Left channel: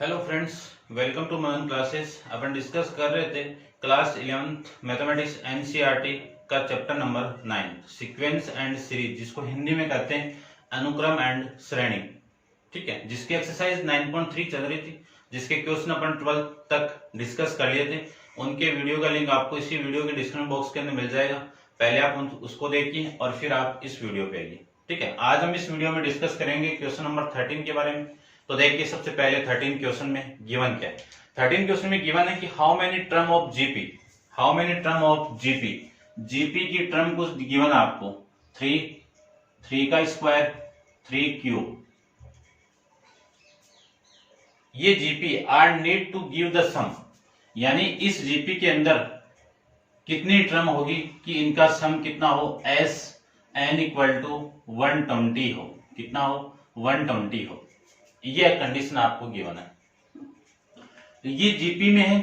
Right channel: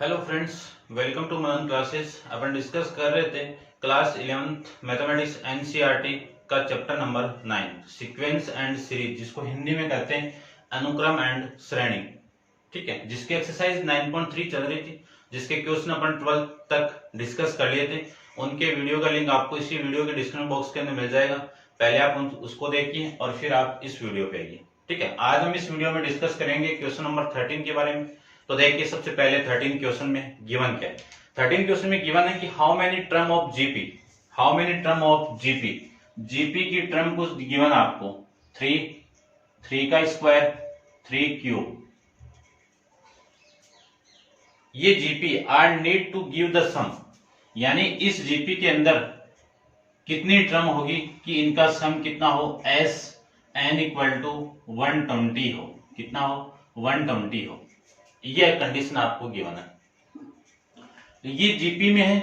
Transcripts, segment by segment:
Hello friends, welcome to Manan classes. अपन discuss कर रहे थे क्लास 11th मैथमेटिक्स एनसीईआरटी का chapter number 9 sequence and series, जिसको हिंदी में कहते हैं अनुक्रम एंड श्रेणी। ठीक है, जिसकी एक्सरसाइज 9.3 चल रही थी, जिसके क्वेश्चन अपन 12 तक डिस्कस कर लिए थे। उनके वीडियो का लिंक आपको इसी वीडियो के डिस्क्रिप्शन बॉक्स के अंदर मिल जाएगा। पहले आप उसको देखिए और फिर आप इस वीडियो पे आइए। ठीक है, आज हम इस वीडियो में डिस्कस करेंगे क्वेश्चन नंबर 13 के बारे में। तो देखिए, सबसे पहले 13 क्वेश्चन में गिवन क्या है। 13 क्वेश्चन में गिवन है कि how many term of GP, how many term of GP, GP की टर्म कुछ गिवन है आपको 3 का स्क्वायर 3 क्यूब। ये GP are need to give the sum, यानी इस जीपी के अंदर कितनी टर्म होगी कि इनका सम कितना हो, एस एन इक्वल टू 120 हो। कितना हो, 120 हो। ये कंडीशन आपको गिवन है। ये जीपी में है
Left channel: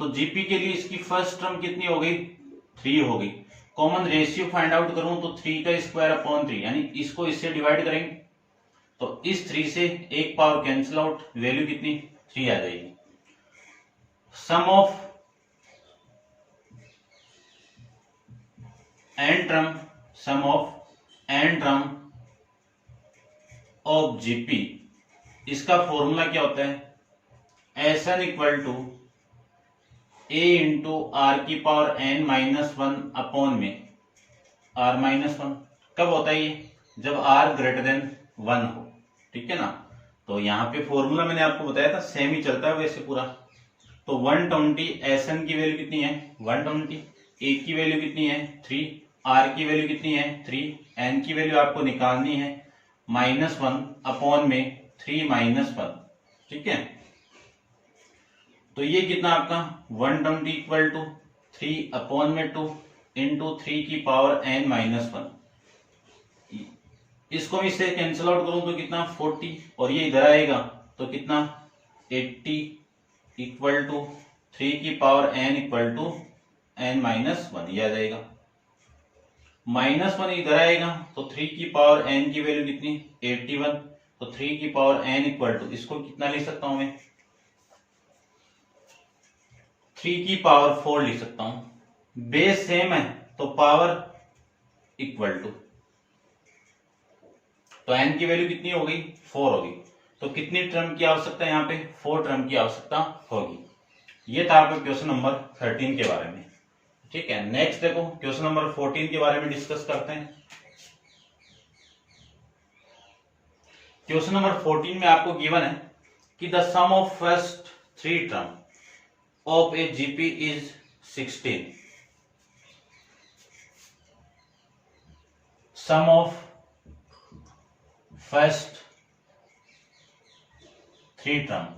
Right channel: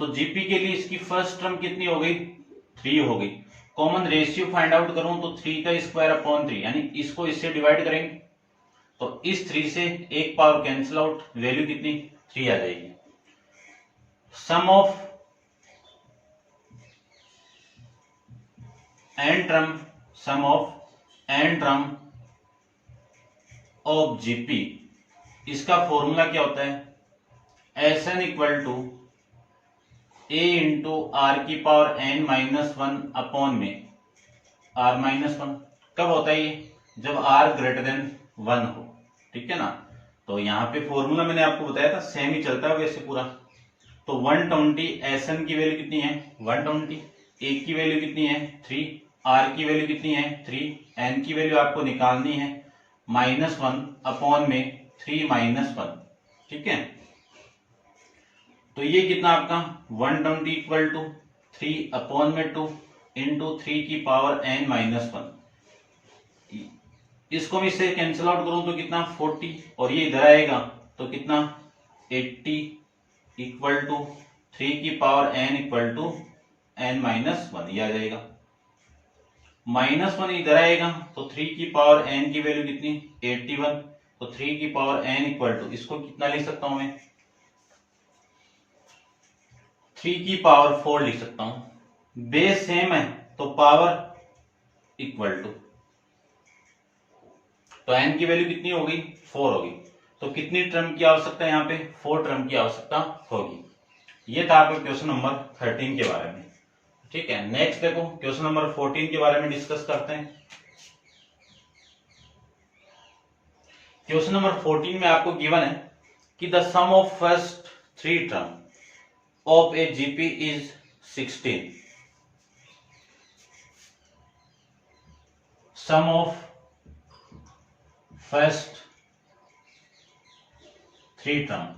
तो जीपी के लिए इसकी फर्स्ट टर्म कितनी हो गई, 3 हो गई। कॉमन रेशियो फाइंड आउट करूं तो 3 का स्क्वायर अपॉन 3, यानी इसको इससे डिवाइड करेंगे तो इस 3 से एक पावर कैंसिल आउट, वैल्यू कितनी 3 आ जाएगी। Sum of n term, sum of n term of GP, इसका फॉर्मूला क्या होता है, S n equal to a into r की पावर एन माइनस 1 अपॉन में आर माइनस 1। कब होता है ये, जब आर ग्रेटर देन 1 हो। ठीक है ना, तो यहाँ पे फॉर्मूला मैंने आपको बताया था, सेम ही चलता है वैसे पूरा। तो 120 एस एन की वैल्यू कितनी है 120, ए की वैल्यू कितनी है 3, आर की वैल्यू कितनी है 3, एन की वैल्यू आपको निकालनी है -1 अपॉन में 3 -1। ठीक है, तो ये कितना आपका 120 इक्वल टू 3 अपॉन में 2 इंटू 3 की पावर n -1। इसको भी इससे कैंसिल आउट करूं तो कितना 40, और ये इधर आएगा तो कितना 80 इक्वल टू 3 की power n equal to n -1, ये आ जाएगा। -1 इधर आएगा तो 3 की पावर n की वैल्यू कितनी 81, तो 3 की पावर n इक्वल टू, इसको कितना लिख सकता हूं मैं 3 की पावर 4 लिख सकता हूं। बेस सेम है तो पावर इक्वल टू, तो n की वैल्यू कितनी होगी 4 होगी। तो कितनी टर्म की आवश्यकता है यहाँ पे, 4 टर्म की आवश्यकता होगी। ये था आपका क्वेश्चन नंबर 13 के बारे में। ठीक है, नेक्स्ट देखो क्वेश्चन नंबर 14 के बारे में डिस्कस करते हैं। क्वेश्चन नंबर 14 में आपको गिवन है कि the sum of first 3 term of a GP is 16. Sum of first 3 term.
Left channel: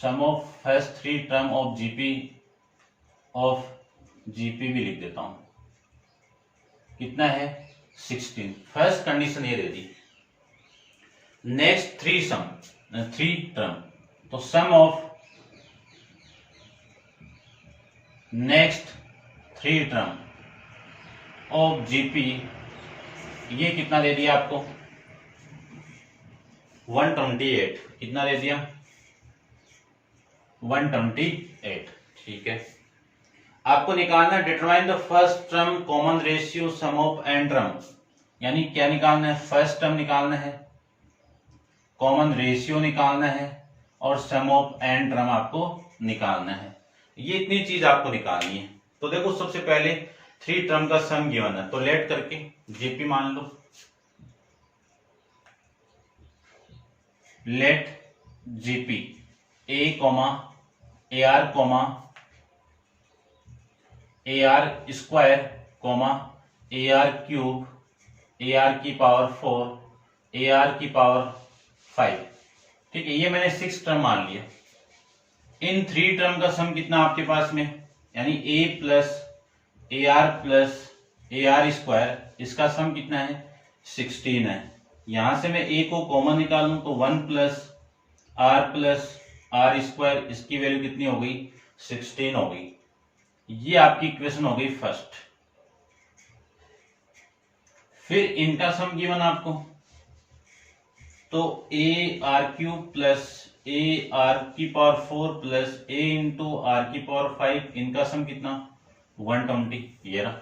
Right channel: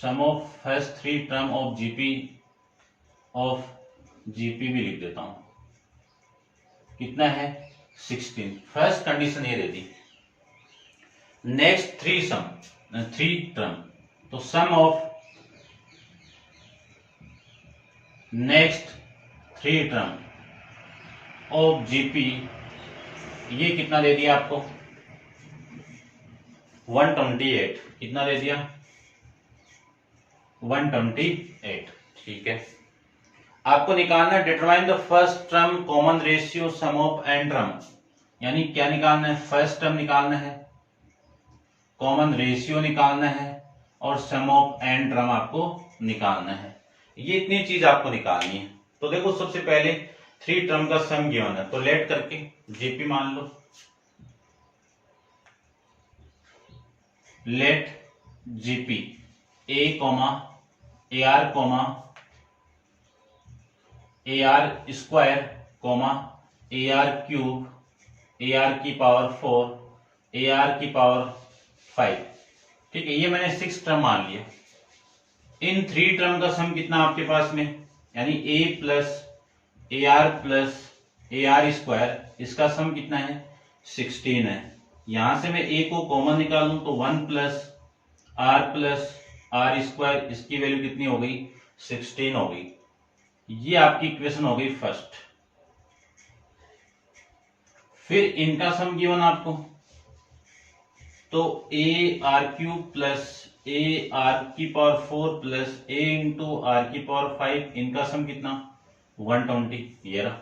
Sum of first 3 term of GP भी लिख देता हूं, कितना है 16। फर्स्ट कंडीशन ये दे दी। नेक्स्ट 3 टर्म, तो sum of next 3 term of GP, ये कितना दे दिया आपको 128। कितना दे दिया 128। ठीक है, आपको निकालना है determine the first term common ratio sum of n term, यानी क्या निकालना है, फर्स्ट टर्म निकालना है, कॉमन रेशियो निकालना है और सम ऑफ एन टर्म आपको निकालना है। ये इतनी चीज आपको निकालनी है। तो देखो, सबसे पहले 3 टर्म का सम गिवन है, तो लेट करके जीपी मान लो, let GP a comma a r comma a r square comma a r cube, a r की पावर 4, ए आर की पावर 5। ठीक है, ये मैंने 6 टर्म मान लिया। इन 3 टर्म का सम कितना आपके पास में, यानी a plus a r square, इसका सम कितना है 16 है। यहां से मैं a को कॉमन निकालूं तो 1 प्लस आर स्क्वायर, इसकी वैल्यू कितनी हो गई 16 हो गई। ये आपकी इक्वेशन हो गई फर्स्ट। फिर इनका सम गिवन आपको तो a r cube plus a r की power 4 plus a into r की पावर 5, इनका सम कितना 120। ये रहा,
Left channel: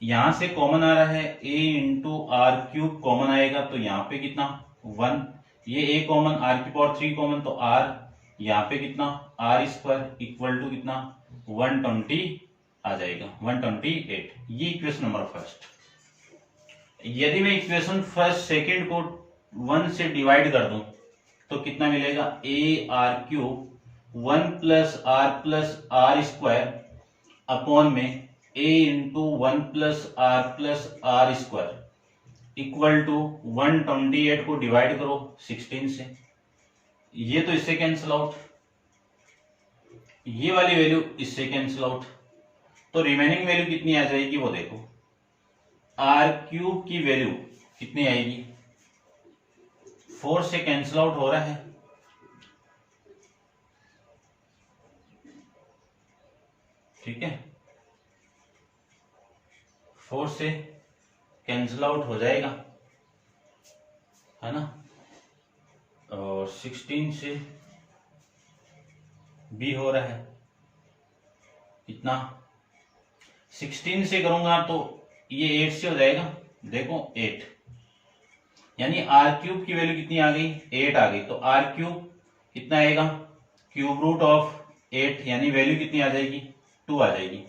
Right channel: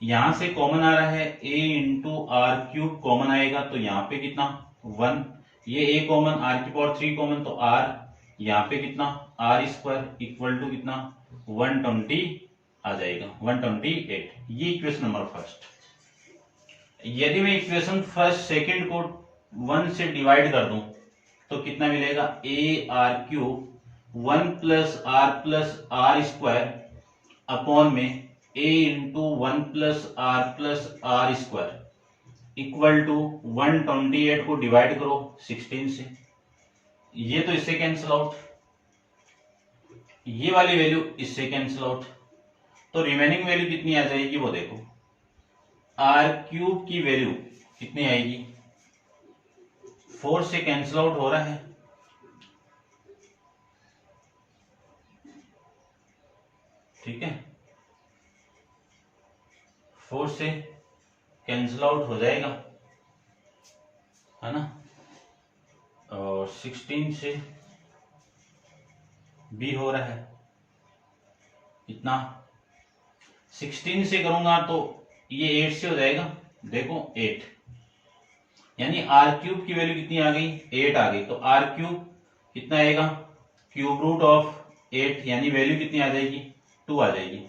यहां से कॉमन आ रहा है a into r cube common आएगा तो यहाँ पे कितना 1, ये a कॉमन, आर की पावर 3 कॉमन तो r, यहाँ पे कितना आर स्क्वायर इक्वल टू कितना 120 आ जाएगा 128। ये इक्वेशन नंबर फर्स्ट। यदि मैं इक्वेशन फर्स्ट सेकंड को 1 से डिवाइड कर दूं तो कितना मिलेगा a r cube 1 plus r square upon में a into 1 plus r square equal to 128 को डिवाइड करो 16 से, ये तो इससे कैंसिल आउट, ये वाली वैल्यू इससे कैंसिल आउट, तो रिमेनिंग वैल्यू कितनी आ जाएगी वो देखो, आर क्यूब की वैल्यू कितनी आएगी, 4 से कैंसिल आउट हो रहा है, ठीक है 4 से कैंसिल आउट हो जाएगा, है ना, और 16 से भी हो रहा है, कितना 16 से करूंगा तो ये 8 से हो जाएगा, देखो 8, यानी आर क्यूब की वैल्यू कितनी आ गई 8 आ गई, तो आर क्यूब कितना आएगा क्यूब रूट ऑफ 8, यानी वैल्यू कितनी आ जाएगी 2 आ जाएगी।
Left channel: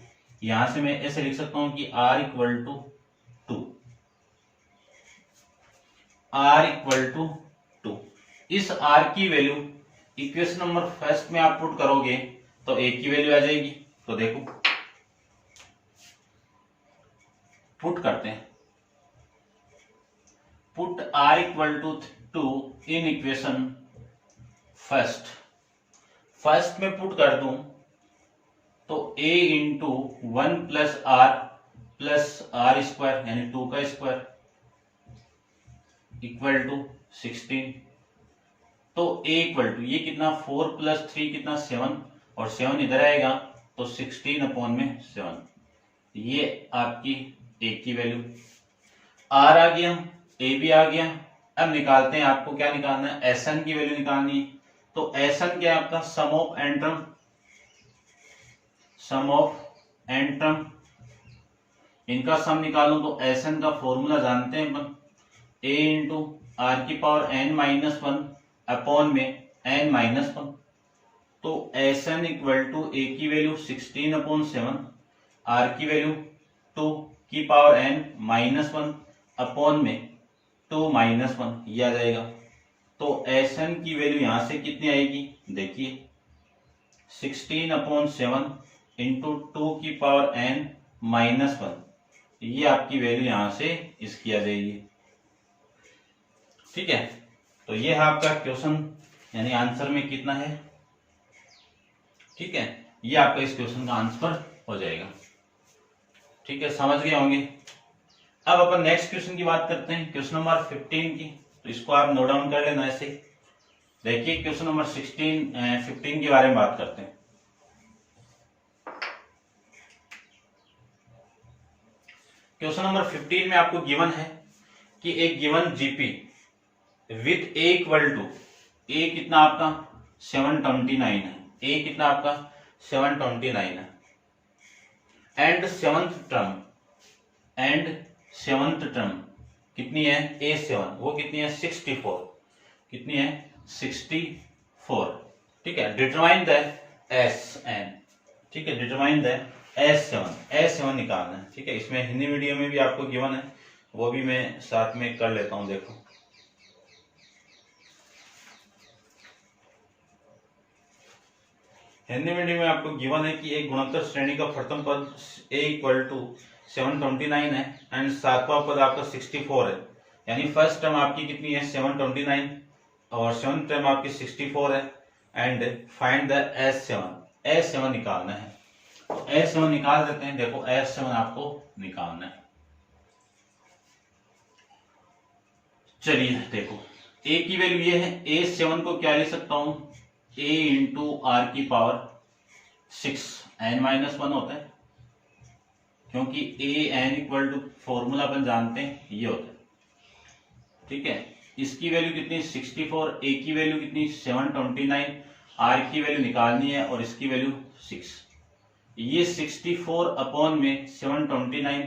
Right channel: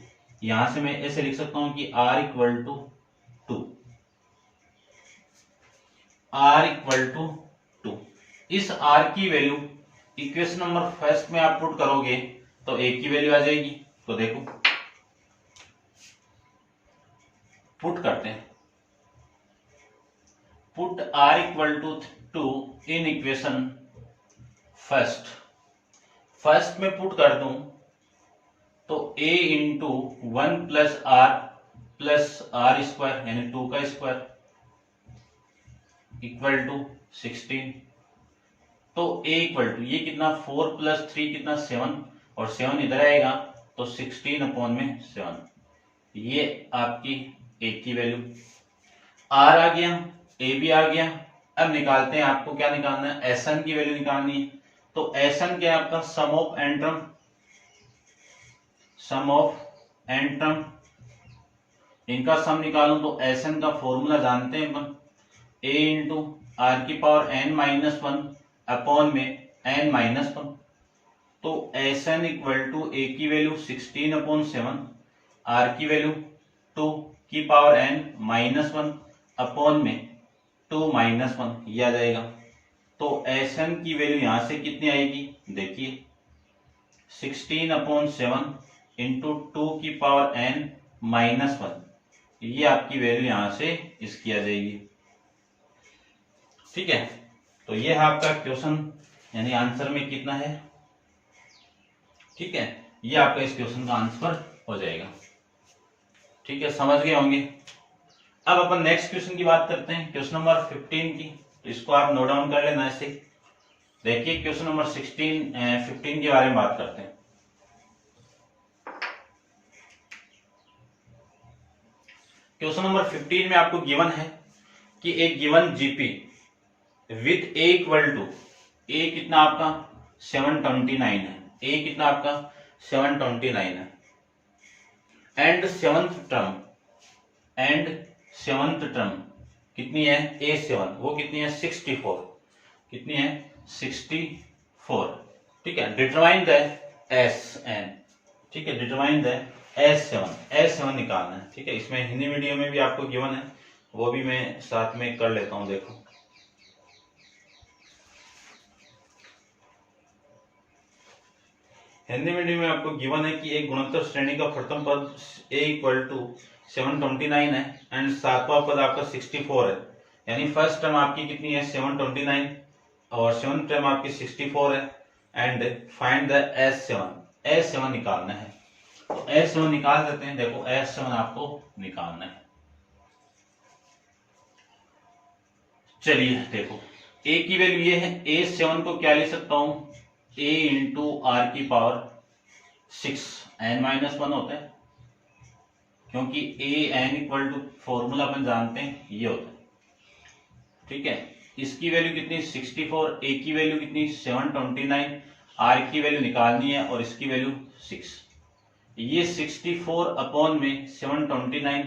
यहां से मैं ऐसे लिख सकता हूं कि r equal to 2, r equal to 2। इस r की वैल्यू इक्वेशन नंबर फर्स्ट में आप पुट करोगे तो a की वैल्यू आ जाएगी, तो देखो पुट करते हैं, put r equal to 2 in equation first में पुट कर दूं तो a into 1 plus r square यानी 2 का स्क्वायर इक्वल टू 16, तो a इक्वल टू ये कितना 4 प्लस 3 कितना 7, और 7 इधर आएगा तो 16 अपॉन में 7, ये आपकी a की वैल्यू, r आ गया, a भी आ गया। अब निकालते हैं, आपको क्या निकालना है, Sn की वैल्यू निकालनी है, तो Sn क्या है आपका सम ऑफ एन टर्म, इनका सम निकालूं तो Sn का फॉर्मूला जानते हैं अपन, a इंटू आर की पावर n-1 अपॉन में n-1, तो Sn इक्वल टू a की वैल्यू 16 अपॉन 7, r की वैल्यू 2 की पावर n-1 अपॉन में 2-1, ये आ जाएगा। तो Sn की वैल्यू यहां से कितनी आएगी, देखिए 16 अपॉन 7 इंटू 2 की पावर n-1, ये आपकी वैल्यू यहां से इसकी आ जाएगी, ठीक है। तो ये है आपका क्वेश्चन, यानी आंसर में कितना है, ठीक है, ये आपका इस क्वेश्चन का आंसर हो जाएगा, ठीक है, समझ गए होंगे। अब अपन नेक्स्ट क्वेश्चन की बात करते हैं, क्वेश्चन नंबर 15 की, तो इसको आप नोट डाउन कर लेना ऐसे। देखिए क्वेश्चन नंबर 15 के बारे में बात करते हैं। क्वेश्चन नंबर 15 में आपको गिवन है कि एक given GP with a equal to, a कितना आपका 729 है, ए कितना आपका 729 है, एंड सेवंथ टर्म कितनी है A7, वो कितनी है 64, कितनी है 64, ठीक है। डिटरमाइन द Sn, ठीक है, डिटरमाइन द S7 निकालना है, ठीक है। इसमें हिंदी मीडियम में भी आपको गिवन है, वो भी मैं साथ में कर लेता हूं, देखो हिंदी मीडियम में आपको गिवन है कि एक गुणोत्तर श्रेणी का प्रथम पद a इक्वल टू 729 है एंड सातवां पद आपका 64 है, यानी फर्स्ट टर्म आपकी कितनी है 729 और सेवंथ टर्म आपकी 64 है, एंड फाइंड द S7 निकालना है। तो S7 निकाल देते हैं, देखो S7 आपको निकालना है। चलिए देखो a की वैल्यू ये है, A7 को क्या ले सकता हूं, a इंटू आर की पावर 6 n-1 होता है, क्योंकि a n equal to formula अपन जानते हैं ये होता है, ठीक है। इसकी वैल्यू कितनी 64, ए की वैल्यू कितनी 729, आर की वैल्यू निकालनी है और इसकी वैल्यू 6। ये 64 अपॉन में 729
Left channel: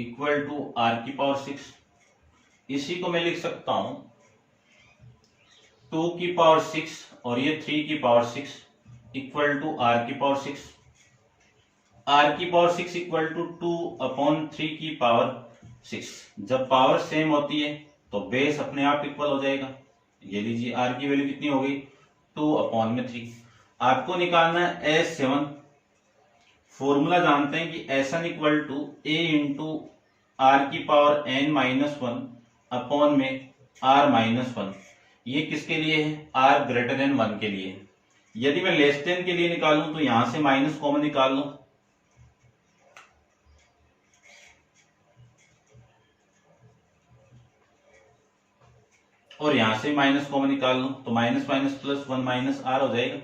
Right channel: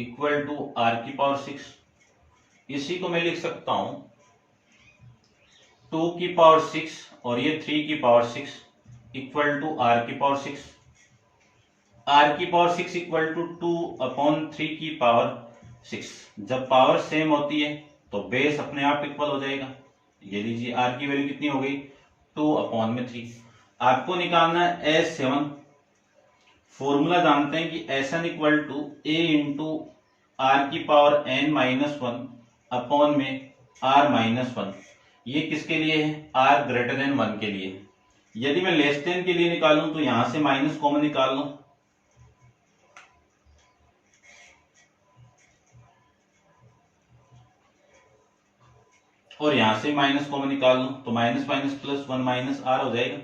इक्वल टू आर की पावर 6। इसी को मैं लिख सकता हूं 2 की पावर 6 और ये 3 की पावर 6 इक्वल टू आर की पावर 6। आर की पावर 6 इक्वल टू 2 अपॉन 3 की पावर 6। जब पावर सेम होती है तो बेस अपने आप इक्वल हो जाएगा। ये लीजिए आर की वैल्यू कितनी हो गई 2 अपॉन में 3। आपको निकालना है S7। फॉर्मूला जानते हैं कि SN equal to a into r की पावर n माइनस 1 अपॉन में r माइनस 1। ये किसके लिए है r ग्रेटर देन 1 के लिए। यदि मैं लेस देन के लिए निकालूं तो यहां से माइनस कॉमन निकाल लूं और यहां से माइनस कॉमन निकाल लूं तो minus minus plus 1 minus r हो जाएगा।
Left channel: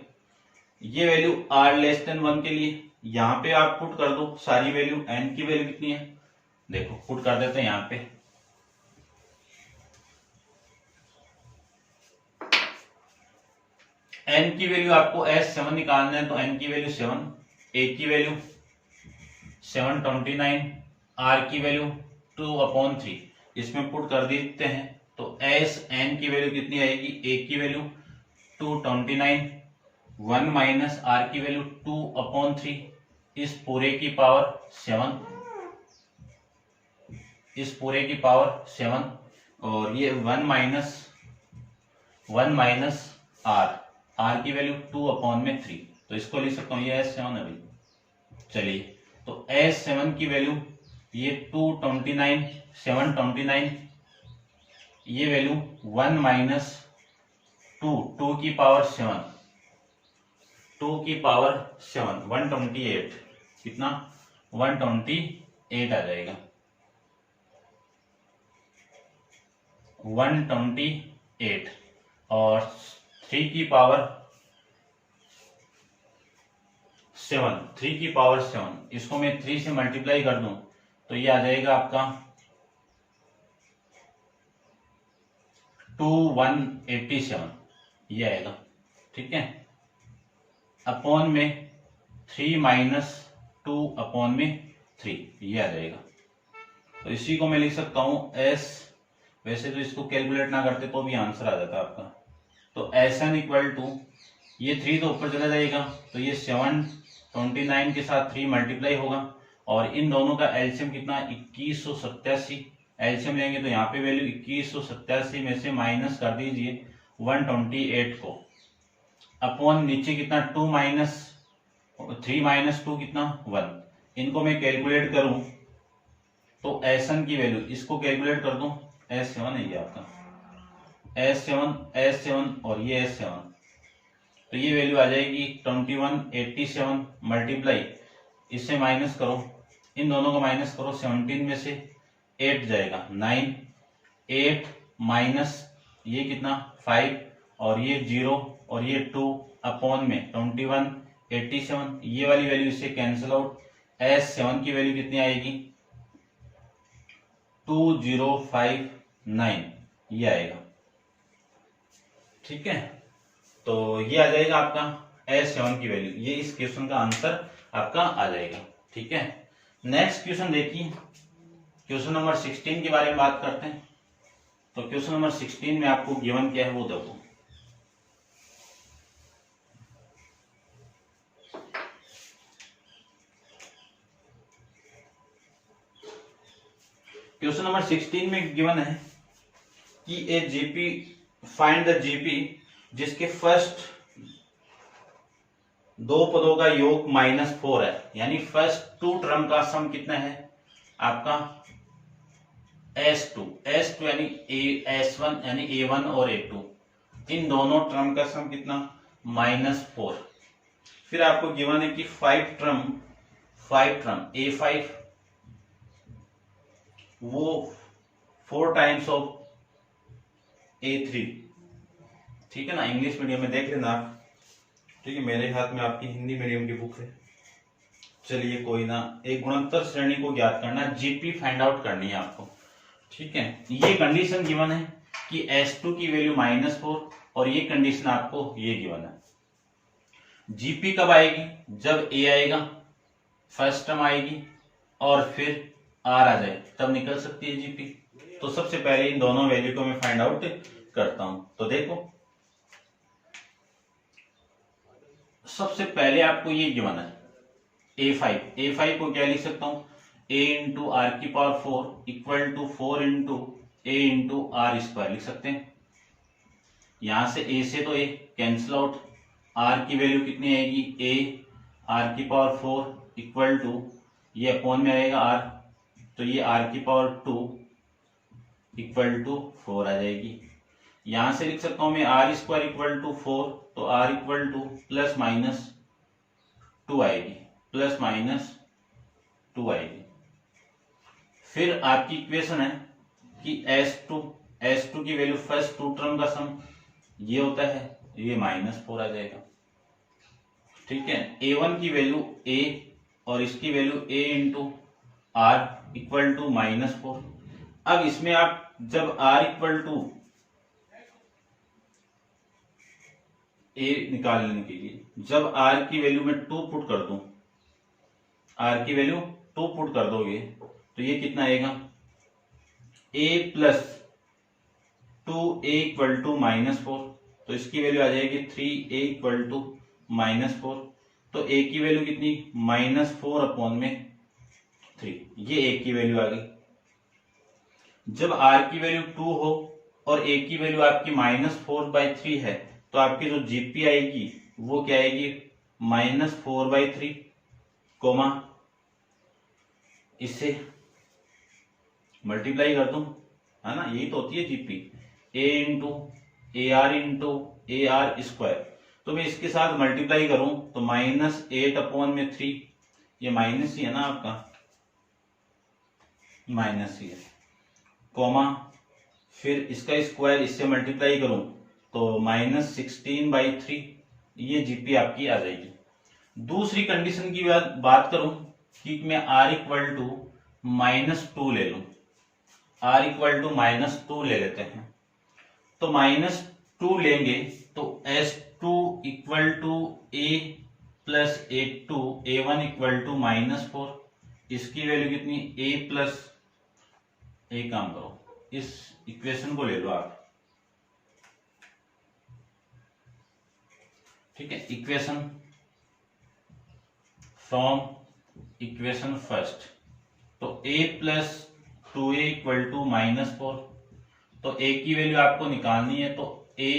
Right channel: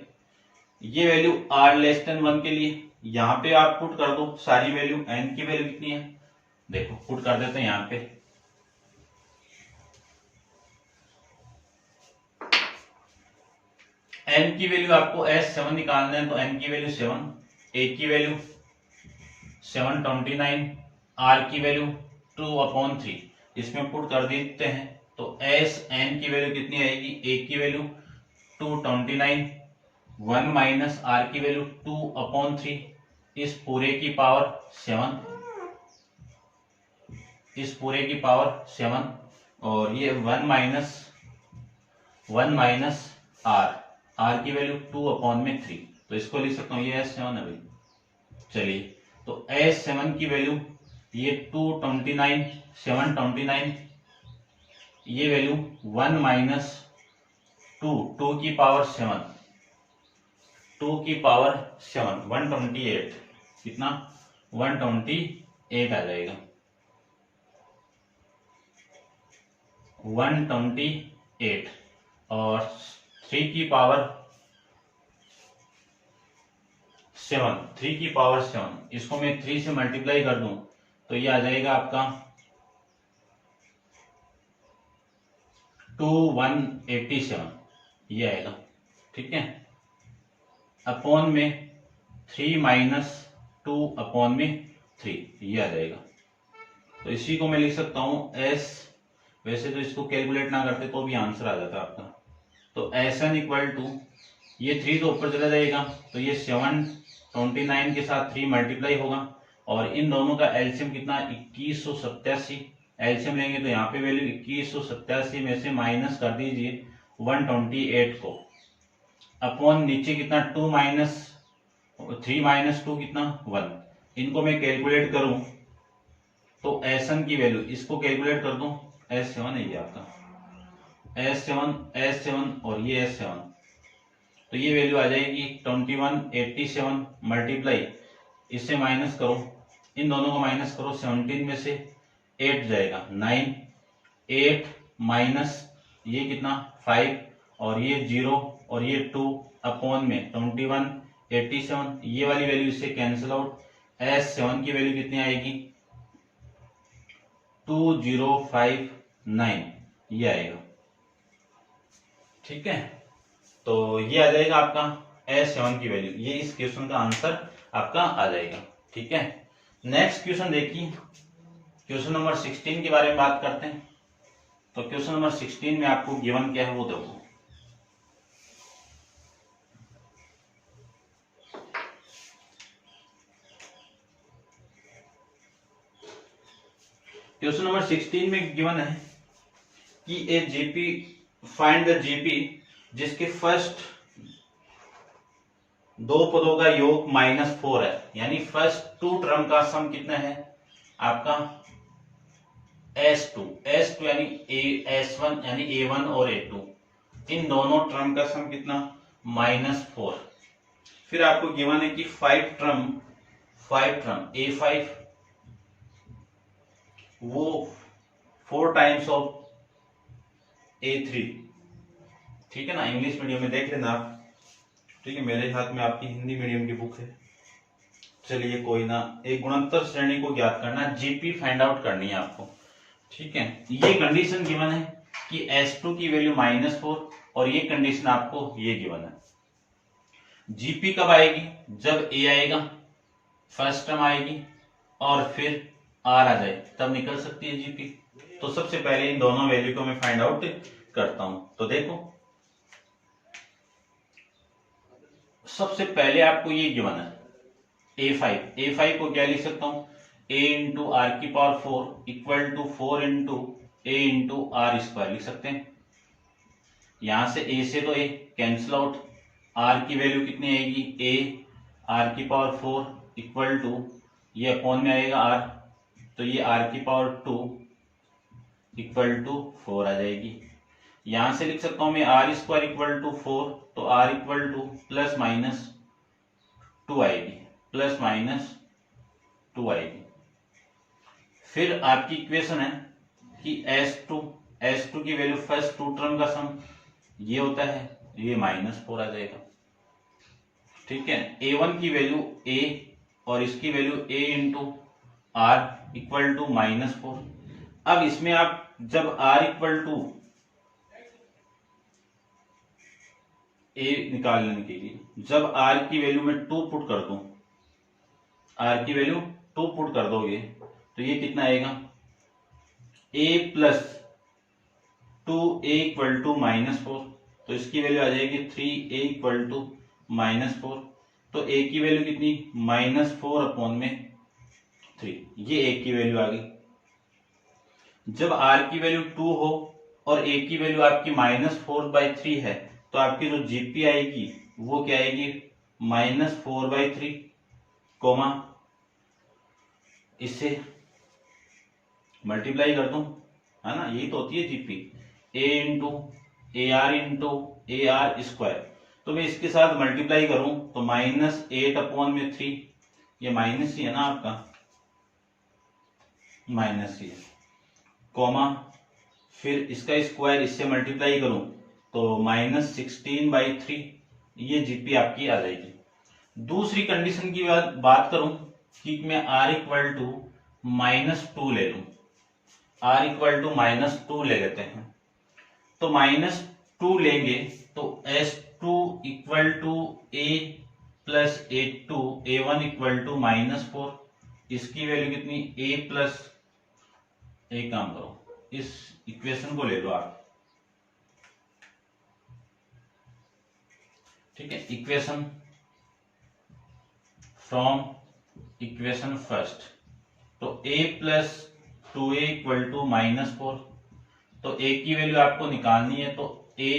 ये वैल्यू r लेस देन 1 के लिए यहां पे आप पुट कर दो सारी वैल्यू। n की वैल्यू कितनी है देखो पुट कर देते हैं यहां पे। n की वैल्यू आपको S7 निकालना है तो n की वैल्यू 7, a की वैल्यू 729, r की वैल्यू 2 अपॉन 3 इसमें पुट कर देते हैं तो SN की वैल्यू कितनी आएगी a की वैल्यू 229, 1 माइनस r की वैल्यू 2 अपॉन 3 इस पूरे की पावर 7, इस पूरे की पावर 7 और ये 1 माइनस r की वैल्यू 2 अपॉन में 3 तो इसको लिख सकता हूँ ये S7 है भाई। चलिए तो S7 की वैल्यू ये 229, 729 ये वैल्यू 1 माइनस 2 की पावर 7, 2 की पावर 7 128 कितना 128 आ जाएगा 128 और 3 की पावर 7, 3 की पावर 7 इसको मैं 3 से मल्टीप्लाई कर दूं तो ये आ जाएगा आपका 2187 ये आएगा। ठीक है अपॉन में 3 माइनस 2 अपॉन में 3 ये आ जाएगा। तो इसी को मैं लिख सकता हूं S। वैसे तो इसको कैलकुलेट ना करते तो भी आंसर आ जाता आपका। तो SN इक्वल टू ये 3 तो ऊपर चला जाएगा तो ये 729 के साथ 3 मल्टीप्लाई होगा और इन दोनों का एलसीएम कितना 2187। एलसीएम लेंगे तो यहाँ पे वैल्यू 2187 में से माइनस कर दीजिए 128 को अपॉन नीचे कितना 2 माइनस 3 माइनस 2 कितना 1। इनको मैं कैलकुलेट करूं तो SN की वैल्यू इसको कैलकुलेट कर दूं S7 है ये आपका S7 और ये S7 तो ये वैल्यू आ जाएगी 2187 मल्टीप्लाई इससे माइनस करो इन दोनों को माइनस करो 17 में से 8 जाएगा 9 8 माइनस ये कितना 5 और ये 0 और ये 2 अपॉन में 2187 ये वाली वैल्यू इससे कैंसिल आउट। S7 की वैल्यू कितनी आएगी 2059 ये आएगा। ठीक है तो ये आ जाएगा आपका S7 की वैल्यू। ये इस क्वेश्चन का आंसर आपका आ जाएगा। ठीक है नेक्स्ट क्वेश्चन देखिए क्वेश्चन नंबर 16 के बारे में बात करते हैं। तो क्वेश्चन नंबर 16 में आपको गिवन क्या है वो देखो। क्वेश्चन नंबर 16 में गिवन है कि ए जीपी फाइंड द जीपी जिसके फर्स्ट दो पदों का योग -4 है यानी फर्स्ट 2 टर्म का सम कितना है आपका S2 यानी S1 यानी A1 और A2 इन दोनों टर्म का सम कितना -4। फिर आपको गिवन है कि 5 टर्म A5 वो 4 टाइम्स ऑफ A3। ठीक है ना इंग्लिश मीडियम में देख लेना आप। ठीक है मेरे हाथ में आपकी हिंदी मीडियम की बुक है। चलिए कोई ना एक गुणोत्तर श्रेणी को ज्ञात करना जीपी फाइंड आउट करनी है आपको। ठीक है ये कंडीशन गिवन है कि S2 की वैल्यू -4 और ये कंडीशन आपको ये गिवन है। जीपी कब आएगी? जब ए आएगा, फर्स्ट टर्म आएगी और फिर आर आ जाए तब निकल सकती है जीपी। तो सबसे पहले इन दोनों वैल्यू को मैं फाइंड आउट करता हूं। तो देखो सबसे पहले आपको ये गिवन है A5 को क्या लिख सकता हूं? A इंटू आर की power 4 equal to 4 into a into r square लिख सकते हैं। यहां से A से तो A कैंसिल आउट, R की वैल्यू कितनी आएगी? A आर की पावर 4 इक्वल टू ये अपॉन में आएगा R, तो ये R की पावर 2 इक्वल टू 4 आ जाएगी। यहां से लिख सकता हूं मैं R स्क्वायर इक्वल टू 4, तो R equal two plus minus 2 आएगी, प्लस माइनस 2 आएगी। फिर आपकी इक्वेशन है कि S2 की वैल्यू फर्स्ट टू टर्म का सम ये होता है, ये -4 आ जाएगा। ठीक है, A1 की वैल्यू A और इसकी value A into r equal to -4। अब इसमें आप जब R इक्वल टू A निकालने के लिए जब R की वैल्यू में 2 पुट कर दूं, R की वैल्यू 2 पुट कर दोगे तो ये कितना आएगा? A plus 2A equal to -4, तो इसकी वैल्यू आ जाएगी 3A इक्वल टू -4। तो A की वैल्यू कितनी? -4 अपॉन में 3, ये A की वैल्यू आ गई। जब R की वैल्यू 2 हो और A की वैल्यू आपकी -4/3 है, तो आपकी जो जीपी आएगी वो क्या आएगी? -4/3, कोमा इससे मल्टीप्लाई कर दूं, है ना, यही तो होती है GP. A into AR square, तो मैं इसके साथ मल्टीप्लाई करूं तो -8 अपॉन में 3, ये माइनस ही है ना आपका, माइनस ही है, कोमा फिर इसका स्क्वायर इससे मल्टीप्लाई करूं तो -16/3, ये जीपी आपकी आ जाएगी। दूसरी कंडीशन की बात करूं कि मैं R इक्वल टू -2 ले लूं, R इक्वल टू -2 ले लेते हैं, तो -2 लेंगे तो S2 equal to A plus A2, A1 equal to -4, इसकी वैल्यू कितनी? A प्लस, एक काम करो इस इक्वेशन को ले लो आप, ठीक है, इक्वेशन फ्रॉम इक्वेशन फर्स्ट, तो A plus 2A equal to -4, तो A की वैल्यू आपको निकालनी है, तो A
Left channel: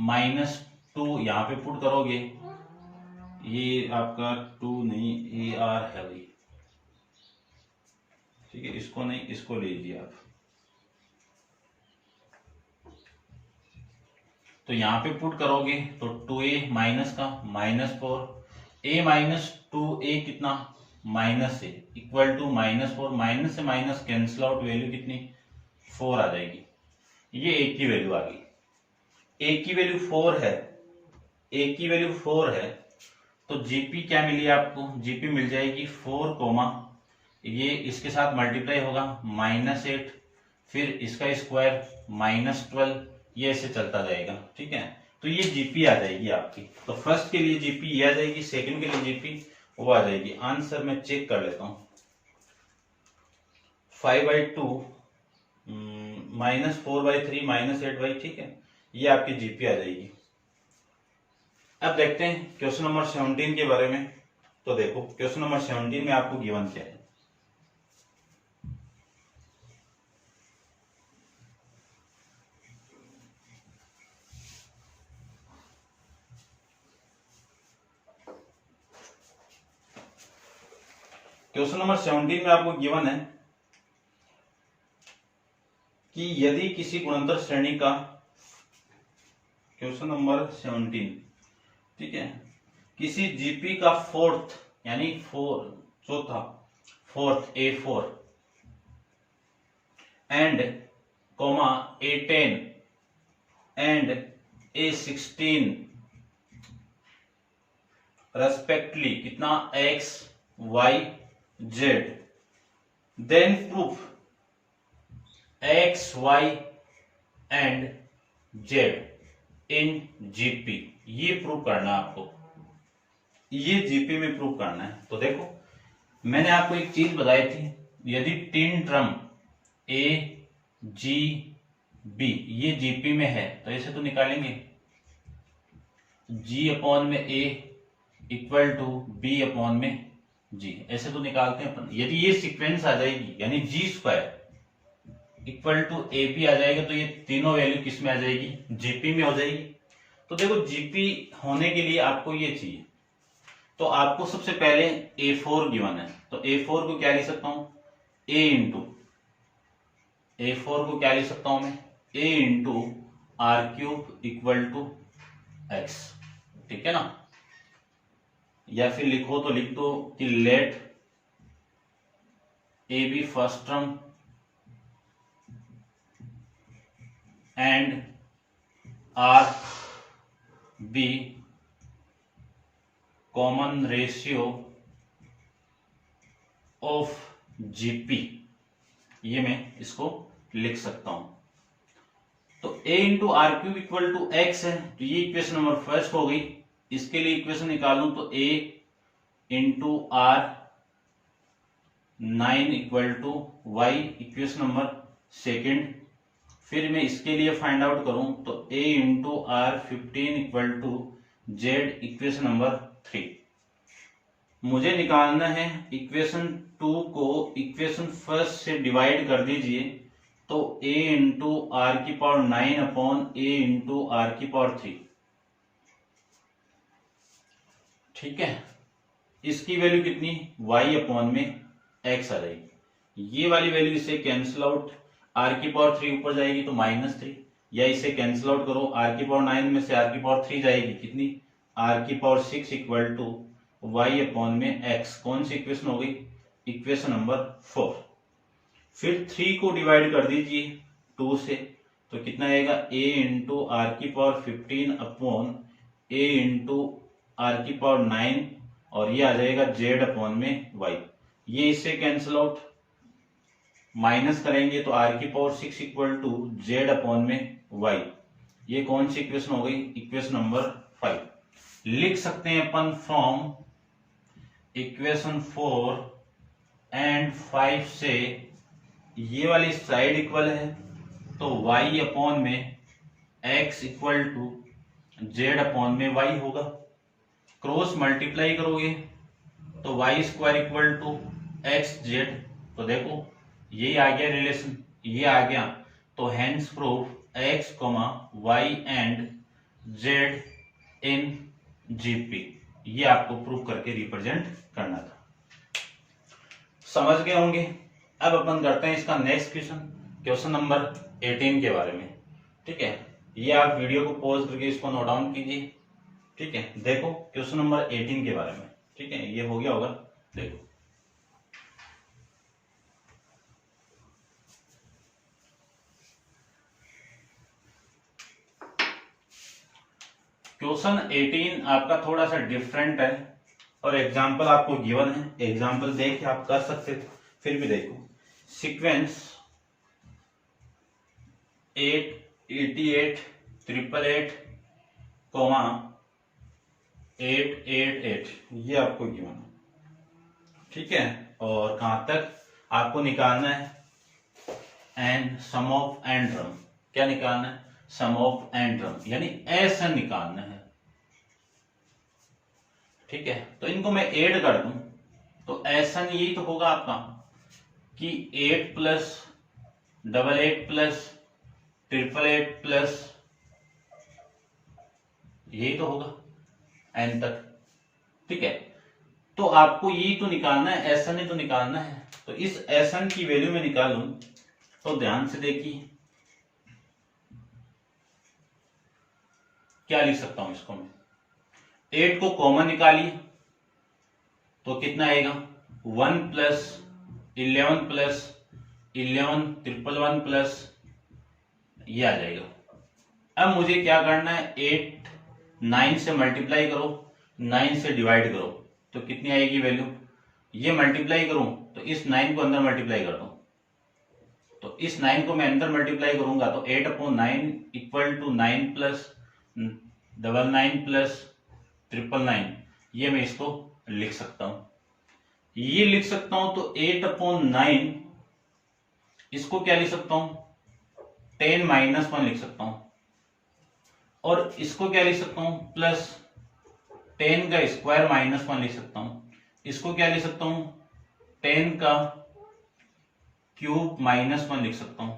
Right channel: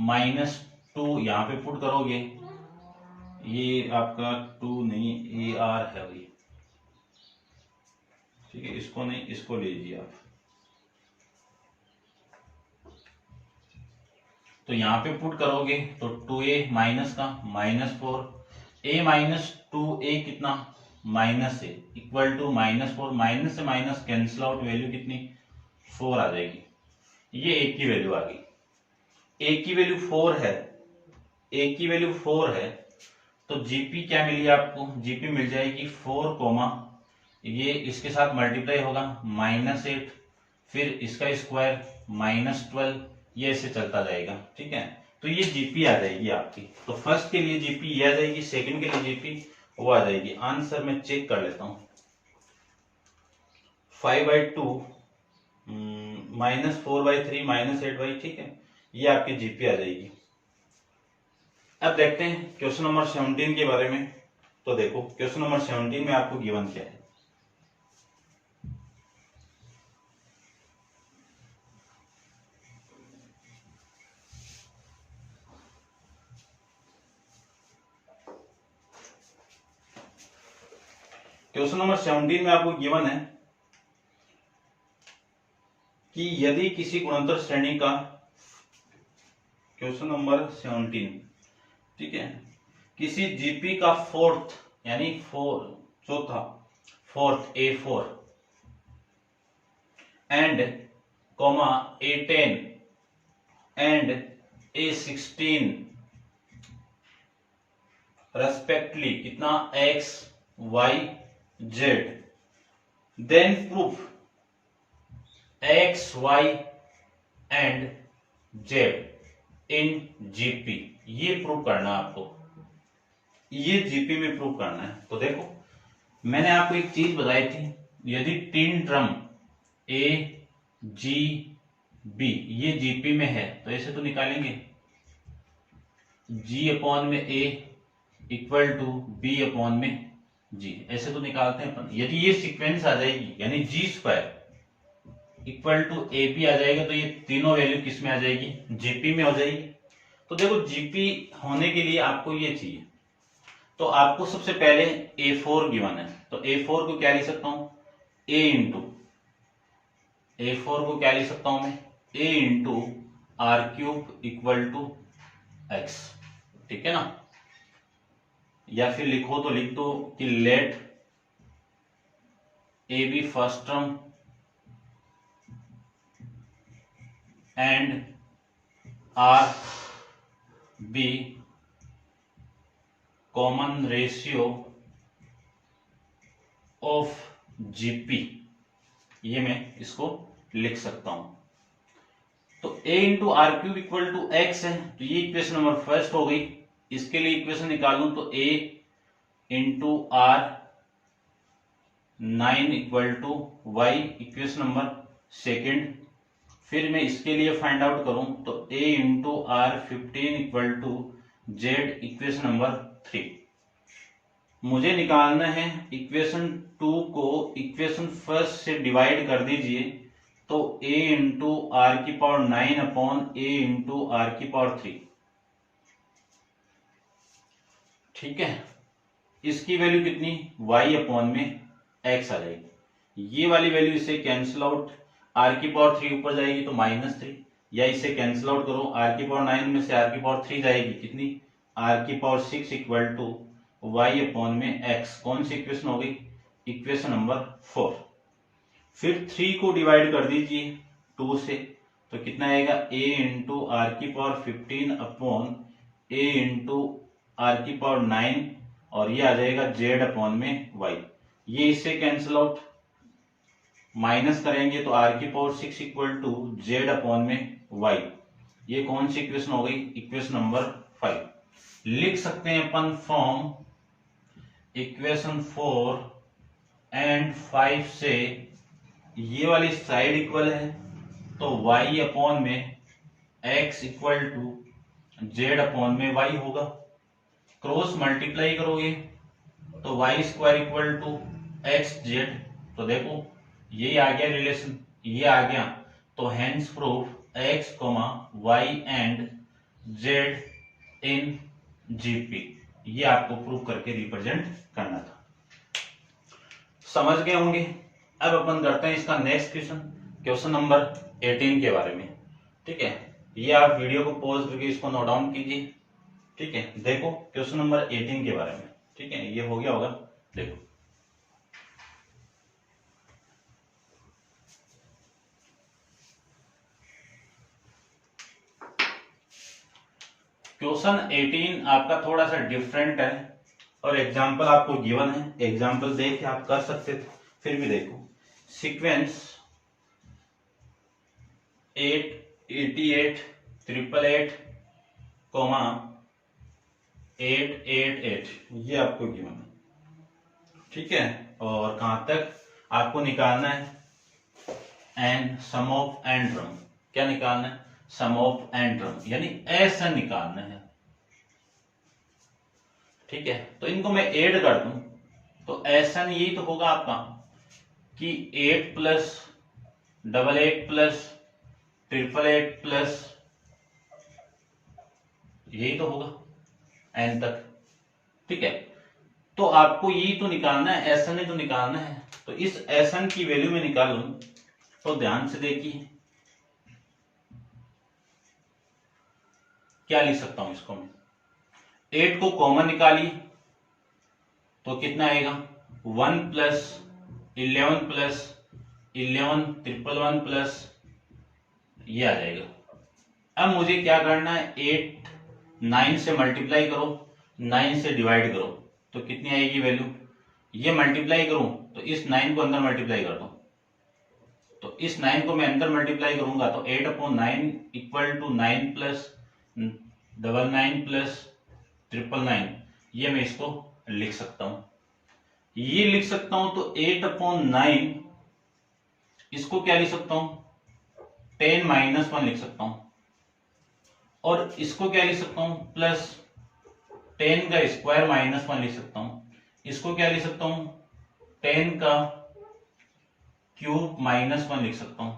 -2 यहाँ पे पुट करोगे, ये आपका 2 नहीं AR है भाई, ठीक है, इसको नहीं, इसको लीजिए आप, तो यहाँ पे पुट करोगे तो 2A माइनस का -4, A -2A कितना? -A इक्वल टू -4, माइनस से माइनस कैंसिल आउट, वैल्यू कितनी? 4 आ जाएगी, ये A की वैल्यू आ गई। A की वैल्यू 4 है, A की वैल्यू 4 है, तो जीपी क्या मिली आपको? जीपी मिल जाएगी 4 कोमा, ये इसके साथ मल्टीप्लाई होगा -8, फिर इसका स्क्वायर -12, ये ऐसे चलता जाएगा, ठीक है, तो ये जीपी आ जाएगी आपकी। तो फर्स्ट के लिए जीपी ये आ जाएगी, सेकंड के लिए जीपी वो आ जाएगी। आंसर मैं चेक कर लेता हूं, 5/2 -4/3 -8/, ठीक है, ये आपकी जीपी आ जाएगी। अब देखते हैं क्वेश्चन नंबर 17 के बारे में। तो देखो क्वेश्चन नंबर 17 में आपको गिवन क्या है। क्वेश्चन नंबर 17 में आपको गिवन है कि यदि किसी गुणनतर श्रेणी का, क्वेश्चन नंबर 17, ठीक है, किसी जीपी का फोर्थ यानी चौथा, fourth A4 and comma A10 and A16 respectively कितना? X, Y, Z, then proof X, Y and z in GP, ये प्रूव करना है आपको, ये जीपी में प्रूव करना है। तो देखो मैंने आपको एक चीज बताई थी, यदि तीन टर्म ए जी बी ये जीपी में है तो ऐसे तो निकालेंगे, जी अपॉन में ए इक्वल टू बी अपॉन में जी, ऐसे तो निकालते हैं अपन। यदि ये सीक्वेंस आ जाएगी यानी g square equal to a p आ जाएगा तो ये तीनों वैल्यू किस में आ जाएगी, जीपी में हो जाएगी। तो देखो जीपी होने के लिए आपको ये चाहिए, तो आपको सबसे पहले A4 गिवन है, तो A4 को क्या लिख सकता हूं, A इंटू A4 को क्या लिख सकता हूं मैं, A into r cube equal to x, ठीक है ना। या फिर लिखो तो लिख दो कि let a be first term and r be common ratio of GP, ये मैं इसको लिख सकता हूं। तो a into r cube equal to x है, तो ये इक्वेशन नंबर फर्स्ट हो गई। इसके लिए इक्वेशन निकालूं तो a into r 9 equal to y, equation number second. फिर मैं इसके लिए फाइंड आउट करूं तो a into r 15 equal to z, equation number 3। मुझे निकालना है इक्वेशन 2 को इक्वेशन फर्स्ट से डिवाइड कर दीजिए, तो a इंटू आर की power 9 upon a into r की पावर 3, ठीक है। इसकी वैल्यू कितनी, y अपॉन में x आ जाएगी। ये वाली वैल्यू इससे कैंसिल आउट, r की पावर 3 ऊपर जाएगी तो -3, या इसे कैंसिल आउट करो, r की पावर 9 में से r की पावर 3 जाएगी कितनी, r की power 6 equal to y upon में x। कौन सी इक्वेशन हो गई, इक्वेशन नंबर 4। फिर 3 को डिवाइड कर दीजिए 2 से, तो कितना आएगा, a इंटू आर की power 15 upon a into r की पावर 9, और ये आ जाएगा z अपॉन में y। ये इससे कैंसिल आउट, माइनस करेंगे तो r की power 6 equal to z upon में y। ये कौन सी इक्वेशन हो गई, इक्वेशन नंबर 5। लिख सकते हैं अपन फ्रॉम इक्वेशन 4 एंड 5 से ये वाली साइड इक्वल है तो y अपॉन में x equal to z upon में y होगा। क्रॉस मल्टीप्लाई करोगे तो y square equal to x z, तो देखो यही आ गया रिलेशन, ये आ गया। तो hence proof x comma y and z in GP, ये आपको प्रूफ करके रिप्रेजेंट करना था। समझ गए होंगे। अब अपन करते हैं इसका नेक्स्ट क्वेश्चन, क्वेश्चन नंबर 18 के बारे में, ठीक है। ये आप वीडियो को पॉज करके इसको नोट डाउन कीजिए, ठीक है। देखो क्वेश्चन नंबर 18 के बारे में, ठीक है, ये हो गया होगा। देखो क्वेश्चन 18 आपका थोड़ा सा डिफरेंट है और एग्जांपल आपको गिवन है, एग्जांपल देख के आप कर सकते थे, फिर भी देखो सीक्वेंस 888 888 कोमा 888, ये आपको गिवन है, ठीक है। और कहां तक आपको निकालना है, and sum of and term, क्या निकालना है, सम ऑफ एंड टर्म, यानी ऐसा निकालना है, ठीक है। तो इनको मैं ऐड कर दूं तो ऐसा यही तो होगा आपका कि 8 प्लस 88 प्लस 888 प्लस, यही तो होगा एन तक, ठीक है। तो आपको यही तो निकालना है, ऐसा नहीं तो निकालना है। तो इस एसन की वैल्यू में निकालूं तो ध्यान से देखिए क्या लिख सकता हूं इसको मैं, 8 को कॉमन निकालिए तो कितना आएगा, 1 प्लस 11 प्लस 11 111 प्लस, ये आ जाएगा। अब मुझे क्या करना है, 8 9 से मल्टीप्लाई करो, 9 से डिवाइड करो तो कितनी आएगी वैल्यू, ये मल्टीप्लाई करूं तो इस 9 को अंदर मल्टीप्लाई कर दो तो इस 9 को मैं अंदर मल्टीप्लाई करूंगा तो 8/9 इक्वल टू 9 प्लस 99 प्लस 999, ये मैं इसको लिख सकता हूं। ये लिख सकता हूं तो 8/9 इसको क्या लिख सकता हूं, 10 - 1 लिख सकता हूं, और इसको क्या लिख सकता हूं, प्लस 10 का स्क्वायर -1 लिख सकता हूं। इसको क्या लिख सकता हूं, 10 का क्यूब -1 लिख सकता हूं।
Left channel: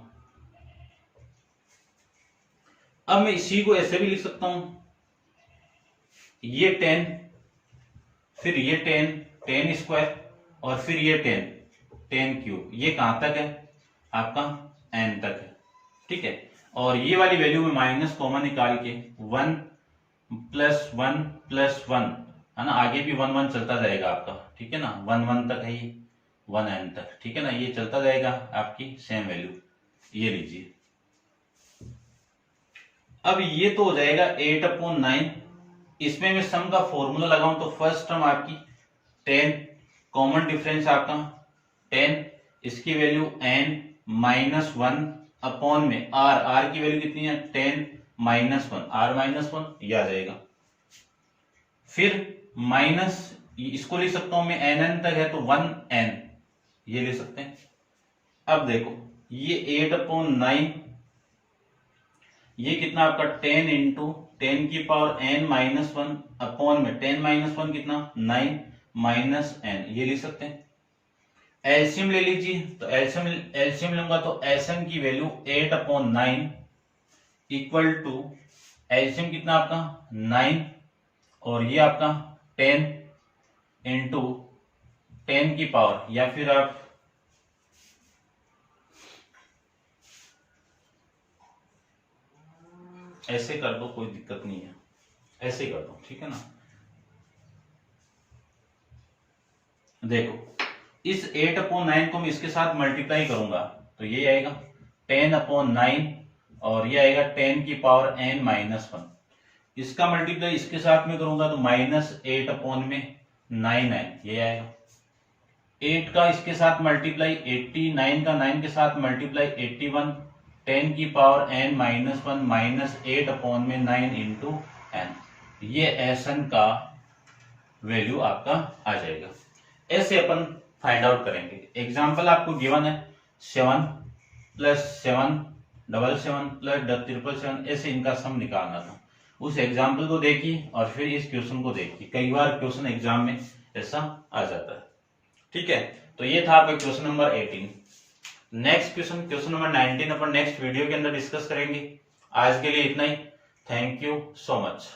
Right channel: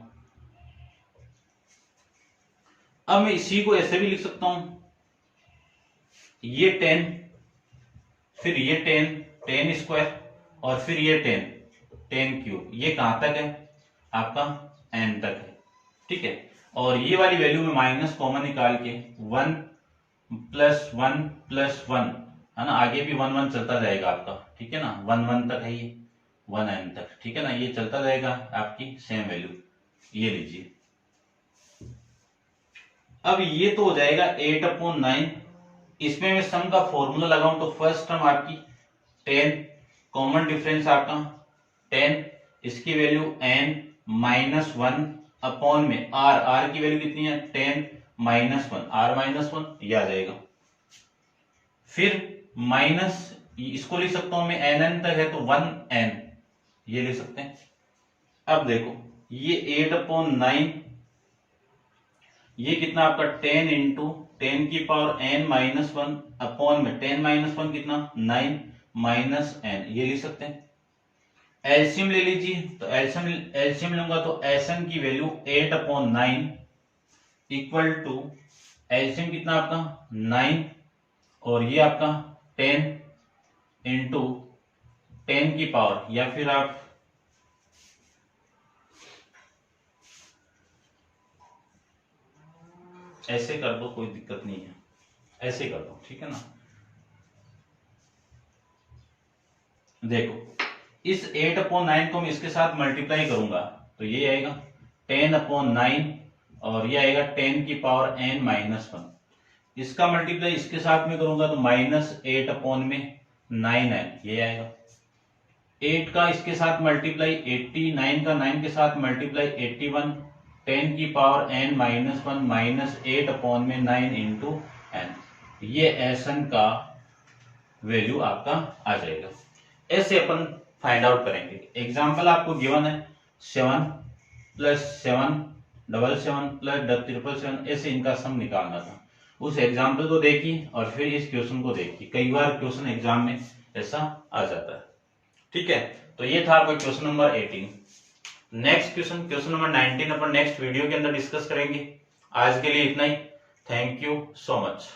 अब मैं इसी को ऐसे भी लिख सकता हूं, ये 10, फिर ये 10 स्क्वायर, और फिर ये 10 क्यूब। ये कहां तक है, आपका n तक है, ठीक है। और ये वाली वैल्यू में माइनस कॉमन निकाल के 1 + 1 + 1 है ना, आगे भी 1 1 चलता जाएगा आपका, ठीक है ना, 1 1 तक है ये, 1n तक, ठीक है ना, ये चलता जाएगा आपकी सेम वैल्यू, ये लीजिए। अब ये तो हो जाएगा 8/9, इसमें मैं सम का फॉर्मूला लगाऊं तो फर्स्ट टर्म आपकी 10, कॉमन डिफरेंस आपका 10, इसकी वैल्यू n - 1 अपॉन में r की वैल्यू कितनी है, 10 - 1 r - 1, ये आ जाएगा। फिर माइनस, इसको लिख सकता हूं मैं nn तक है तो 1n, ये लिख सकते हैं। अब देखो ये 8/9, ये कितना आपका 10 इंटू 10 की पावर n - 1 अपॉन में 10 - 1 कितना 9 -n, ये लिख सकते हैं। एलसीएम ले लीजिए, तो एलसीएम लूंगा तो एसएन की वैल्यू 8/9 इक्वल टू एलसीएम कितना आपका 9, और ये आपका 10 इंटू 10 की पावर, या फिर आप ऐसे कर दो, कोई दिक्कत नहीं है, ऐसे कर दो, ठीक है ना। देखो इस 8/9 को मैं इसके साथ मल्टीप्लाई करूंगा तो ये आएगा 10/9, और ये आएगा 10 की पावर n - 1। इसका मल्टीप्लाई इसके साथ में करूंगा तो -8 में 9n, ये आएगा। 8 का इसके साथ मल्टीप्लाई 80, 9 का 9 के साथ मल्टीप्लाई 81, 10 की पावर n - 1 -8 में 9 इंटू n, ये एसएन का वैल्यू आपका आ जाएगा। ऐसे अपन फाइंड आउट करेंगे। एग्जाम्पल आपको गिवन है 7 + 7 777 + 777, ऐसे इनका सम निकालना था। उस एग्जाम्पल को देखिए और फिर इस क्वेश्चन को देखिए, कई बार क्वेश्चन एग्जाम में ऐसा आ जाता है, ठीक है। तो ये था आपका question number 18। Next question number 19 अपन नेक्स्ट वीडियो के अंदर डिस्कस करेंगे। आज के लिए इतना ही। Thank you so much.